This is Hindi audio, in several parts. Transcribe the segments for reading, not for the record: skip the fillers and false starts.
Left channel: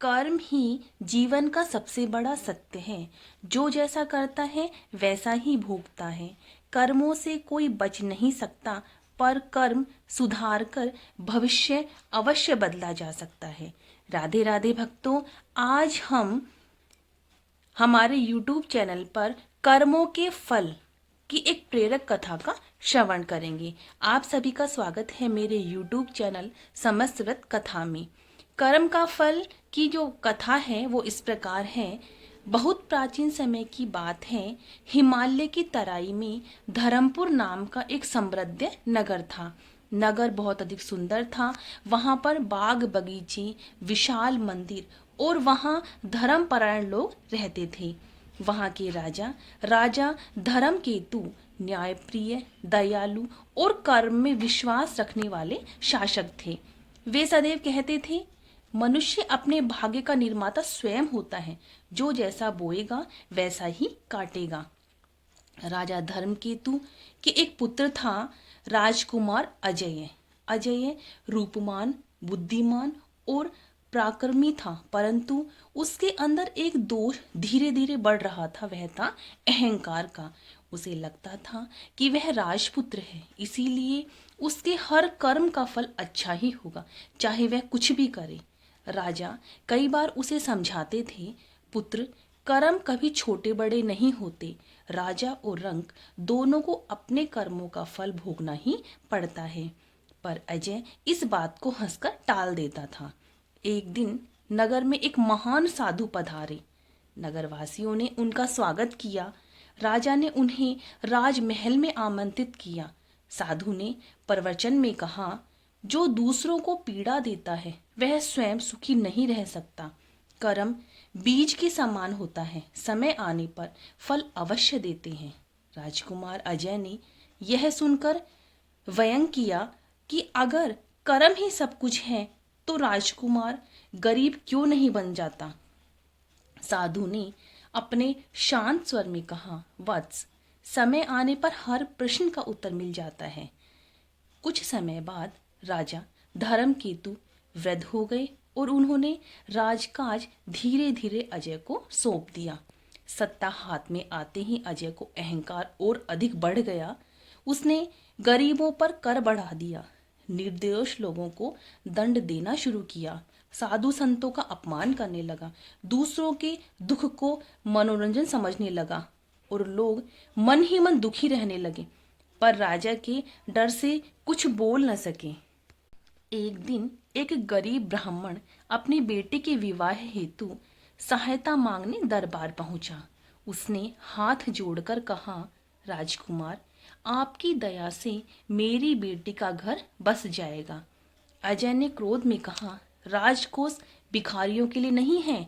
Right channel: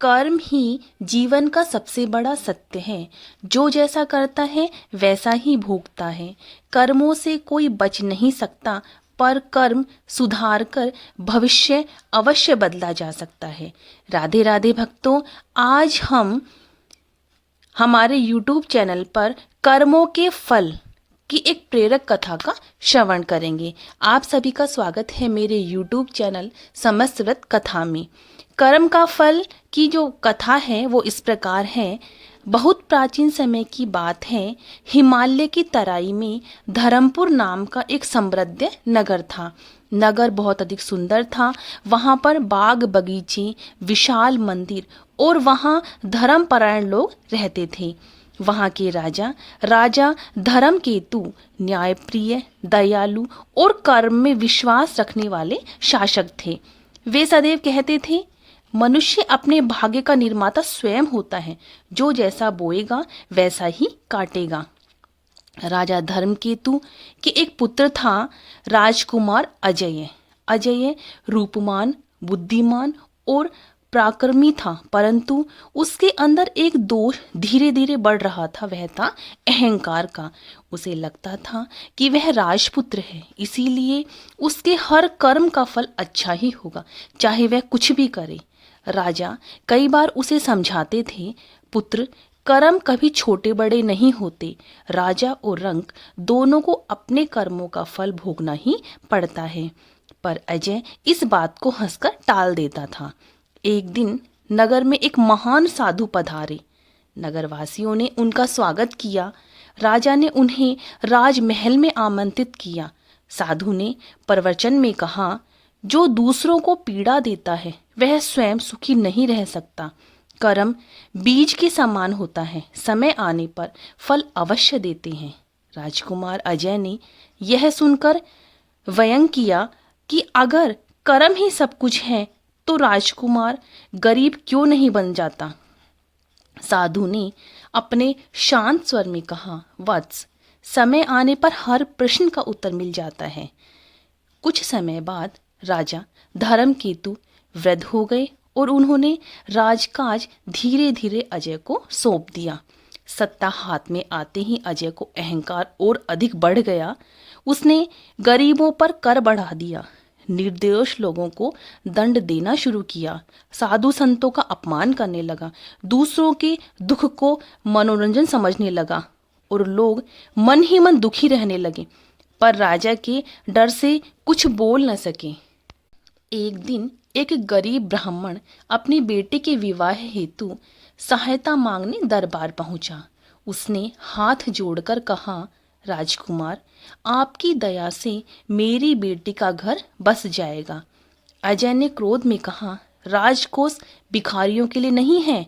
कर्म ही जीवन का सबसे बड़ा सत्य है। जो जैसा करता है वैसा ही भोगता है। कर्मों से कोई बच नहीं सकता, पर कर्म सुधार कर भविष्य अवश्य बदला जा सकता है। राधे राधे भक्तों, आज हम हमारे YouTube चैनल पर कर्मों के फल की एक प्रेरक कथा का श्रवण करेंगे। आप सभी का स्वागत है मेरे YouTube चैनल समस्त व्रत कथा में। कर्म का फल की जो कथा है वो इस प्रकार है। बहुत प्राचीन समय की बात है। हिमालय की तराई में धर्मपुर नाम का एक समृद्ध नगर था। नगर बहुत अधिक सुंदर था। वहाँ पर बाग बगीचे, विशाल मंदिर और वहाँ धर्मपरायण लोग रहते थे। वहाँ के राजा राजा धर्मकेतु न्यायप्रिय, दयालु और कर्म में विश्वास रखने वाले शासक थे। वे सदैव कहते थे, मनुष्य अपने भाग्य का निर्माता स्वयं होता है। जो जैसा बोएगा वैसा ही काटेगा। राजा धर्मकेतु के एक पुत्र था, राजकुमार अजय। अजय रूपमान, बुद्धिमान और पराक्रमी था, परंतु उसके अंदर एक दोष धीरे धीरे बढ़ रहा था। वह था अहंकार का। उसे लगता था कि वह राजपुत्र है, इसीलिए उसके हर कर्म का फल अच्छा ही होगा, चाहे वह कुछ भी करे। राजा कई बार उसे समझाते थे, पुत्र, कर्म कभी छोटे बड़े नहीं होते। राजा और रंक दोनों को अपने कर्मों का फल भोगना ही पड़ता है। पर अजय इस बात को हंसकर टाल देता था। एक दिन नगर में एक महान साधु पधारे। नगरवासियों ने उनका स्वागत किया। राजा ने उन्हें राजमहल में आमंत्रित किया। साधु ने प्रवचन में कहा, जो दूसरों को पीड़ा देता है वह स्वयं सुखी नहीं रह सकता। कर्म बीज के समान होता है, समय आने पर फल अवश्य देते हैं। राजकुमार अजय ने यह सुनकर व्यंग किया कि अगर कर्म ही सब कुछ है तो राजकुमार गरीब क्यों नहीं बन जाता। साधु ने अपने शांत स्वर में कहा, वत्स, समय आने पर हर प्रश्न का उत्तर मिल जाता है। कुछ समय बाद राजा धर्मकेतु वृद्ध हो गए और उन्होंने राजकाज धीरे धीरे अजय को सौंप दिया। सत्ता हाथ में आते ही अजय को अहंकार और अधिक बढ़ गया। उसने गरीबों पर कर बढ़ा दिया, निर्दोष लोगों को दंड देना शुरू किया, साधु संतों का अपमान करने लगा, दूसरों के दुख को मनोरंजन समझने लगा और लोग मन ही मन दुखी रहने लगे। पर राजा के डर से कुछ बोल न सके। एक दिन एक गरीब ब्राह्मण अपनी बेटे के विवाह हेतु सहायता मांगने दरबार पहुंचा। उसने हाथ जोड़कर कहा, राजकुमार, आपकी दया से मेरी बेटी का घर बस जाएगा। अजय ने क्रोध में कहा, राजकोष भिखारियों के लिए नहीं है,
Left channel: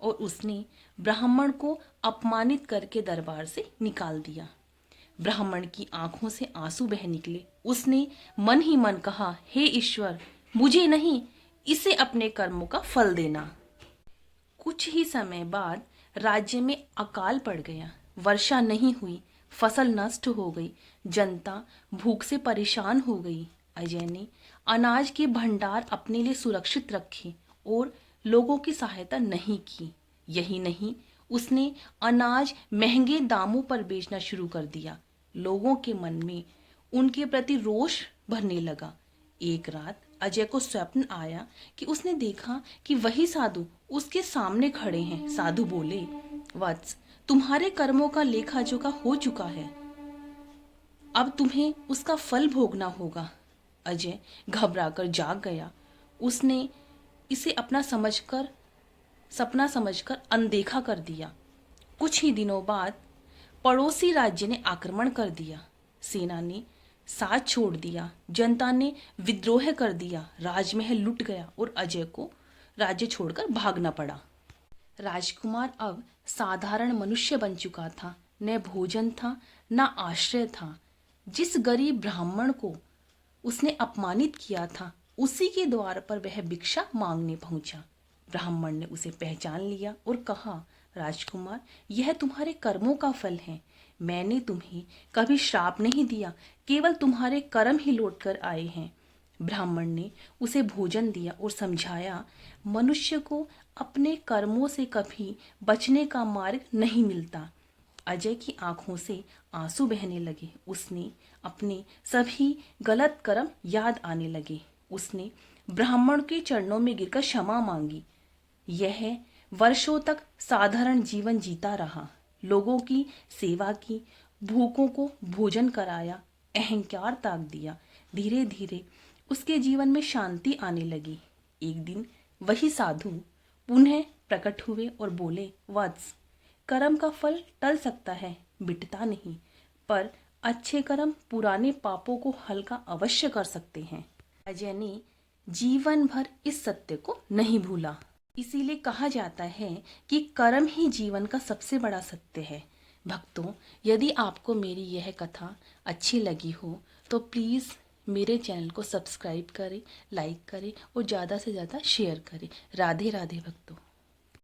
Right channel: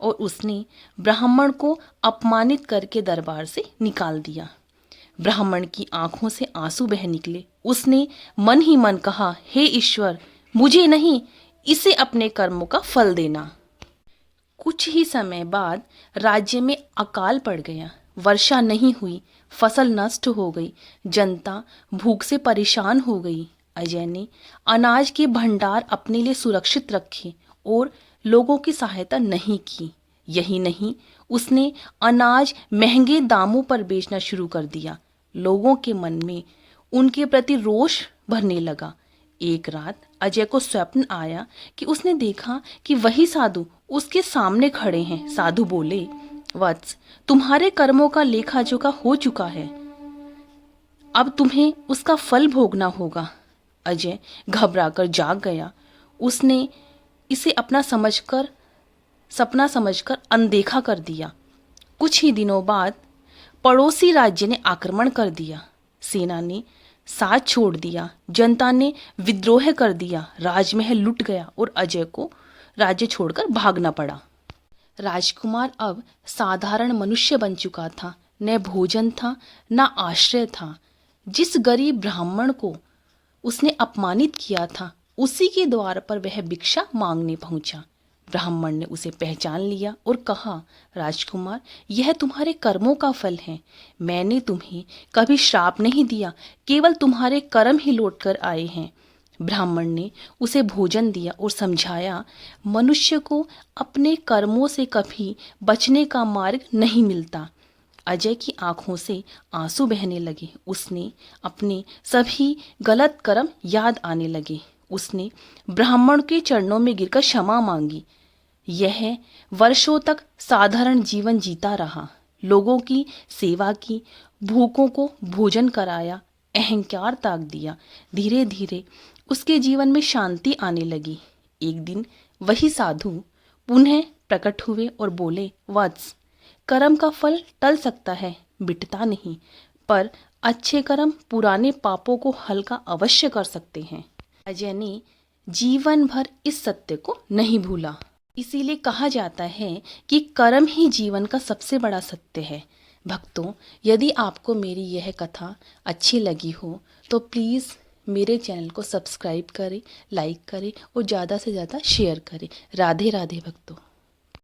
और उसने ब्राह्मण को अपमानित करके दरबार से निकाल दिया। ब्राह्मण की आंखों से आंसू बह निकले। उसने मन ही मन कहा, हे ईश्वर, मुझे नहीं, इसे अपने कर्मों का फल देना। कुछ ही समय बाद राज्य में अकाल पड़ गया। वर्षा नहीं हुई, फसल नष्ट हो गई, जनता भूख से परेशान हो गई। अजय ने अनाज के भंडार अपने लिए सुरक्षित रखे और लोगों की सहायता नहीं की। यही नहीं, उसने अनाज महंगे दामों पर बेचना शुरू कर दिया। लोगों के मन में उनके प्रति रोष भरने लगा। एक रात अजय को स्वप्न आया कि उसने देखा कि वही साधु उसके सामने खड़े हैं। साधु बोले, वत्स, तुम्हारे कर्मों का लेखा जोखा हो चुका है, अब तुम्हें उसका फल भोगना होगा। अजय घबराकर जाग गया। उसने इसे अपना सपना समझकर अनदेखा कर दिया। कुछ ही दिनों बाद पड़ोसी राज्य ने आक्रमण कर दिया। सेना ने साथ छोड़ दिया, जनता ने विद्रोह कर दिया, राजमहल लुट गया और अजय को राज्य छोड़कर भागना पड़ा। राजकुमार अब साधारण मनुष्य बन चुका था। न भोजन था, न आश्रय था। जिस गरीब ब्राह्मण को उसने अपमानित किया था, उसी के द्वार पर वह भिक्षा मांगने पहुंचा। ब्राह्मण ने उसे पहचान लिया और कहा, राजकुमार, यह तुम्हारे कर्मों का फल है। मैंने तुम्हें कभी श्राप नहीं दिया, केवल तुम्हारे कर्म ही लौट कर आए हैं। ब्राह्मण ने उसे भोजन दिया और समझाया, मनुष्य को अपने कर्मों से कभी बचने का मार्ग नहीं मिलता। अजय की आंखों से आंसू बहने लगे। उसने अपने सभी गलत कर्म याद आने लगे। उसने ब्राह्मण के चरणों में गिरकर क्षमा मांगी। यह वर्षों तक साधारण जीवन जीता रहा, लोगों की सेवा की, भूखों को भोजन कराया, अहंकार त्याग दिया। धीरे धीरे उसके जीवन में शांति आने लगी। एक दिन वही साधु पुनः प्रकट हुए और बोले, वत्स, कर्म का फल टल सकता है, मिटता नहीं, पर अच्छे कर्म पुराने पापों को हल्का अवश्य कर सकते हैं। अजय ने जीवन भर इस सत्य को नहीं भूला। इसीलिए कहा जाता है कि कर्म ही जीवन का सबसे बड़ा सत्य है। भक्तों, यदि आपको मेरी यह कथा अच्छी लगी हो तो प्लीज़ मेरे चैनल को सब्सक्राइब करें, लाइक करें और ज़्यादा से ज़्यादा शेयर करें। राधे राधे भक्तों।